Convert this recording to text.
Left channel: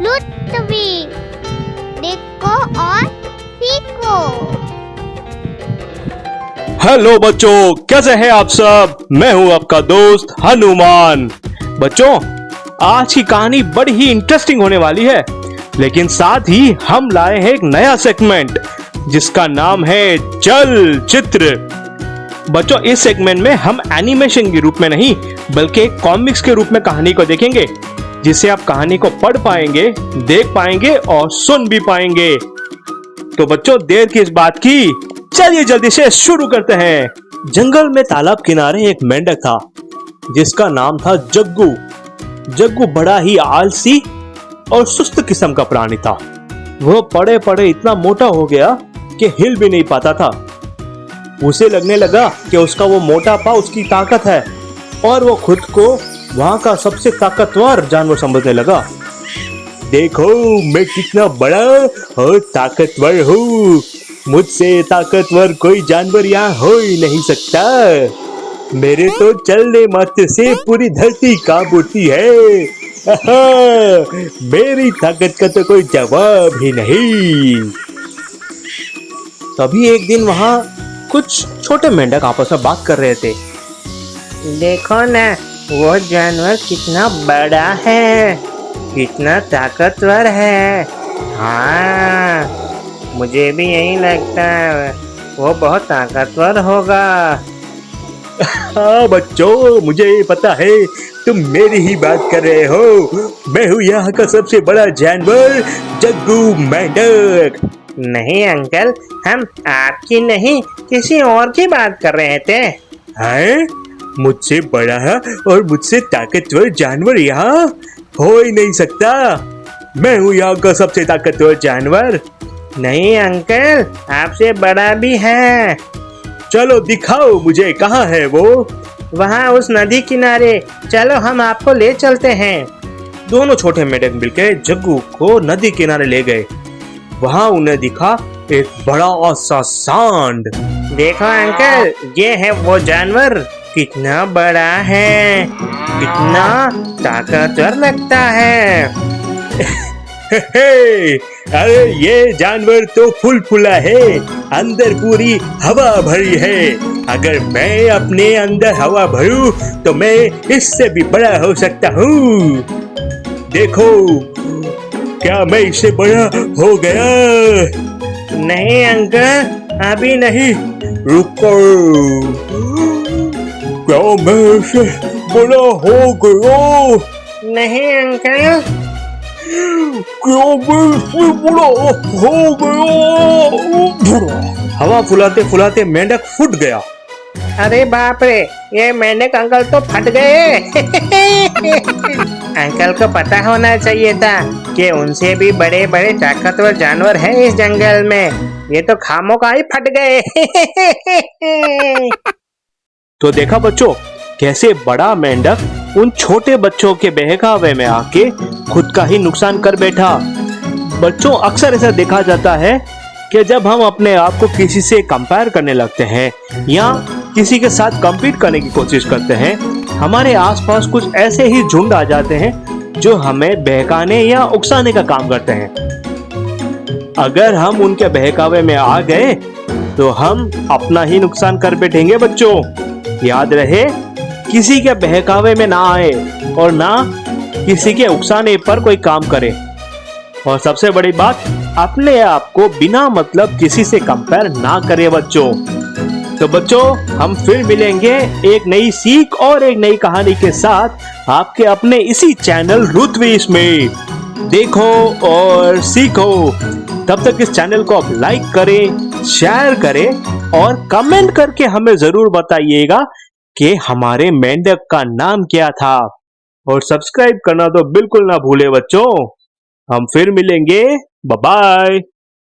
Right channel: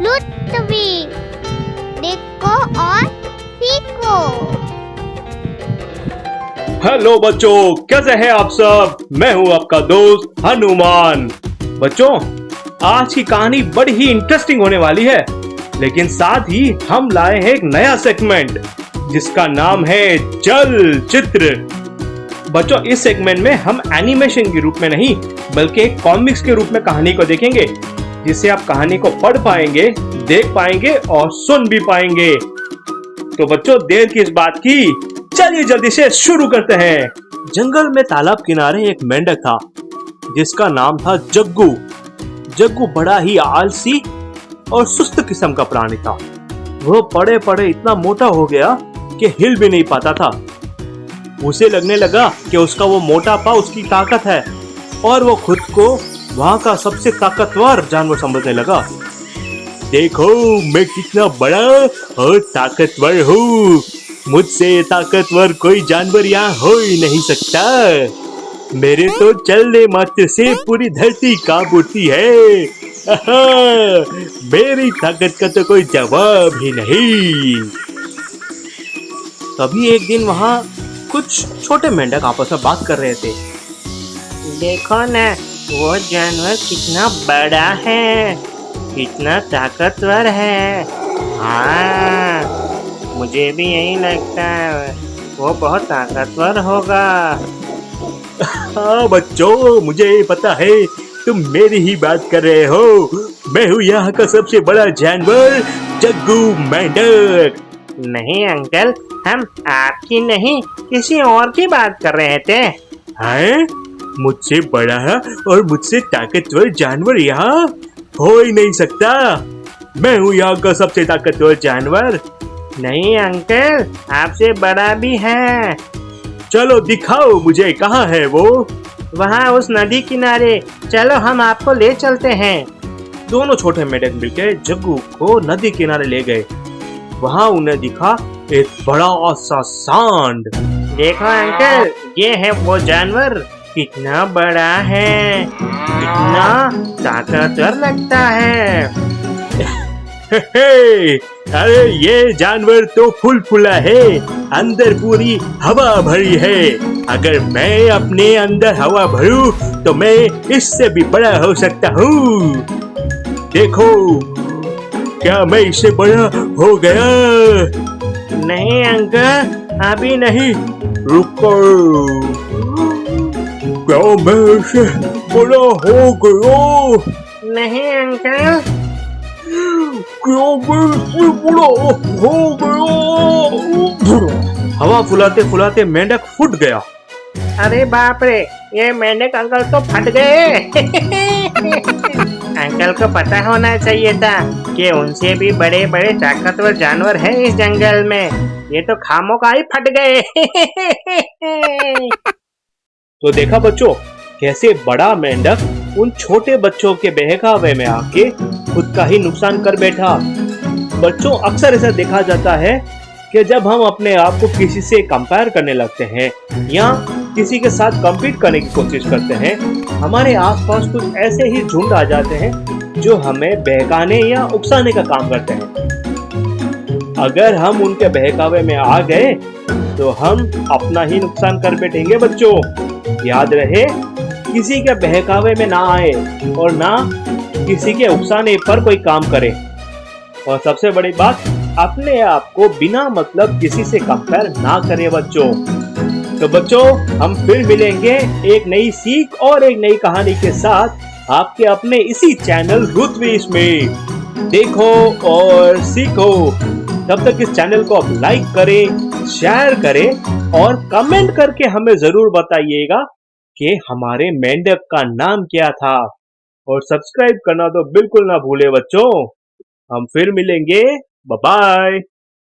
लुत्फी। देखो और सीखो। हेलो बच्चों, कैसे हैं आप सब। मैं हूं आपका दोस्त हनुमान। बच्चों, आज की कहानी बड़ी ही इंटरेस्टिंग होने वाली है, लेकिन साथ ही हम लाए हैं एक नया सेगमेंट जिसका नाम है चल चित्र। बच्चों, इस सेगमेंट में हम एनिमेशन के रूप में नहीं बल्कि एक कॉमिक्स के रूप में कहानी को देखेंगे, जिससे आप कहानी को पढ़ पाएंगे, देख पाएंगे और सुन भी पाएंगे। तो बच्चों, देर किस बात की, चलिए जल्दी से शुरू करते हैं। जंगल में तालाब किनारे एक मेंढक था जिसका नाम था जग्गू। जग्गू बड़ा ही आलसी और सुस्त किस्म का प्राणी था। वह पड़े पड़े इतना मोटा हो गया कि हिल भी नहीं पाता था। उसे लगने लगा कि उसका वो मोटापा उसकी ताकत है और वो खुद को वहां का सबसे ताकतवर जानवर समझने लगा। देखो, मैं कितना बड़ा और ताकतवर हूँ। मुझसे ताकतवर कोई जानवर यहाँ हो ही नहीं सकता। मेरे तो चलने मात्र से पूरी धरती कांप उठती है। मेरी ताकत का तो कोई जवाब ही नहीं। तभी एक दिन वहाँ कुछ छोटे मेंढक आपस में बात कर रहे थे। देखो ना, वो जानवर कितना बड़ा है, कितना ताकतवर है। हाँ, मुझे भी यही लगता है, वो बहुत ताकतवर होगा। हाँ बच्चों, मुझे पता है तुम मेरी ही बात कर रहे हो। मैं हूँ यहाँ का सबसे बड़ा जानवर, जग्गू मेंढक। नहीं अंकल, हम आपकी नहीं किसी और की बात कर रहे थे। हैं? मुझसे बड़ा और मुझसे ताकतवर जानवर यहाँ हो ही नहीं सकता। मैं हूँ यहाँ का सबसे ताकतवर जानवर। नहीं अंकल, आपसे बड़ा भी है। चलो दिखाओ मुझे, कहाँ है वो। वहाँ उस नदी किनारे, चलो हम आपको ले चलते हैं। दोनों छोटे मेंढक मिलकर जग्गू को नदी किनारे ले गए। वहाँ उन्हें दिखा एक बड़ा सा सांड। देखो अंकल, ये है वो जानवर, कितना बड़ा है, कितना ताकतवर लगता है। अरे ये जानवर तो फुल फुला है, अंदर पूरी हवा भरी है। अगर मैं अपने अंदर हवा भरूं तो मैं इससे भी बड़ा हो सकता हूँ। देखो, क्या मैं इससे बड़ा हो गया? नहीं अंकल, अभी नहीं। रुको, क्या मैं इससे बड़ा हो गया? नहीं अंकल, क्या मैं इससे बड़ा हो गया? हवा फुलाते फुलाते मेंढक फूट गया। अरे बाप रे, ये मेंढक अंकल तो फट गए। अंकल को पता होना चाहिए था कि उनसे भी बड़े बड़े ताकतवर जानवर हैं इस जंगल में। ये तो खामोखा ही फट गए। तो देखा बच्चों, कैसे बड़ा मेंढक उन छोटे बच्चों के बहकावे में आके खुद का ही नुकसान कर बैठा। बच्चों, अक्सर ऐसा देखा जाता है कि जब हम अपने आप को किसी से कंपेयर करने लगते हैं या किसी के साथ कम्पीट करने की कोशिश करते हैं, हमारे आसपास कुछ ऐसे ही झुंड आ जाते हैं जो हमें बहकाने या उकसाने का काम करते हैं। अगर हम उनके बहकावे में आ गए तो हम अपना ही नुकसान कर बैठेंगे। बच्चों, याद रहे, किसी के बहकावे में ना आए और ना किसी के उकसाने पर कोई काम करे। और सबसे बड़ी बात, अपने आप को बिना मतलब किसी से कंपेयर ना करे बच्चों। तो बच्चों, हम फिर मिलेंगे एक नई सीख और एक नई कहानी के साथ आपके अपने इसी चैनल रुतविश में। देखो और सीखो। तब तक इस चैनल को आप लाइक करें, शेयर करें और कमेंट करके हमें जरूर बताइएगा कि हमारे मेंढक का नाम क्या था। और सब्सक्राइब करना तो बिल्कुल ना भूले बच्चों। हम फिर मिलेंगे। Bye bye.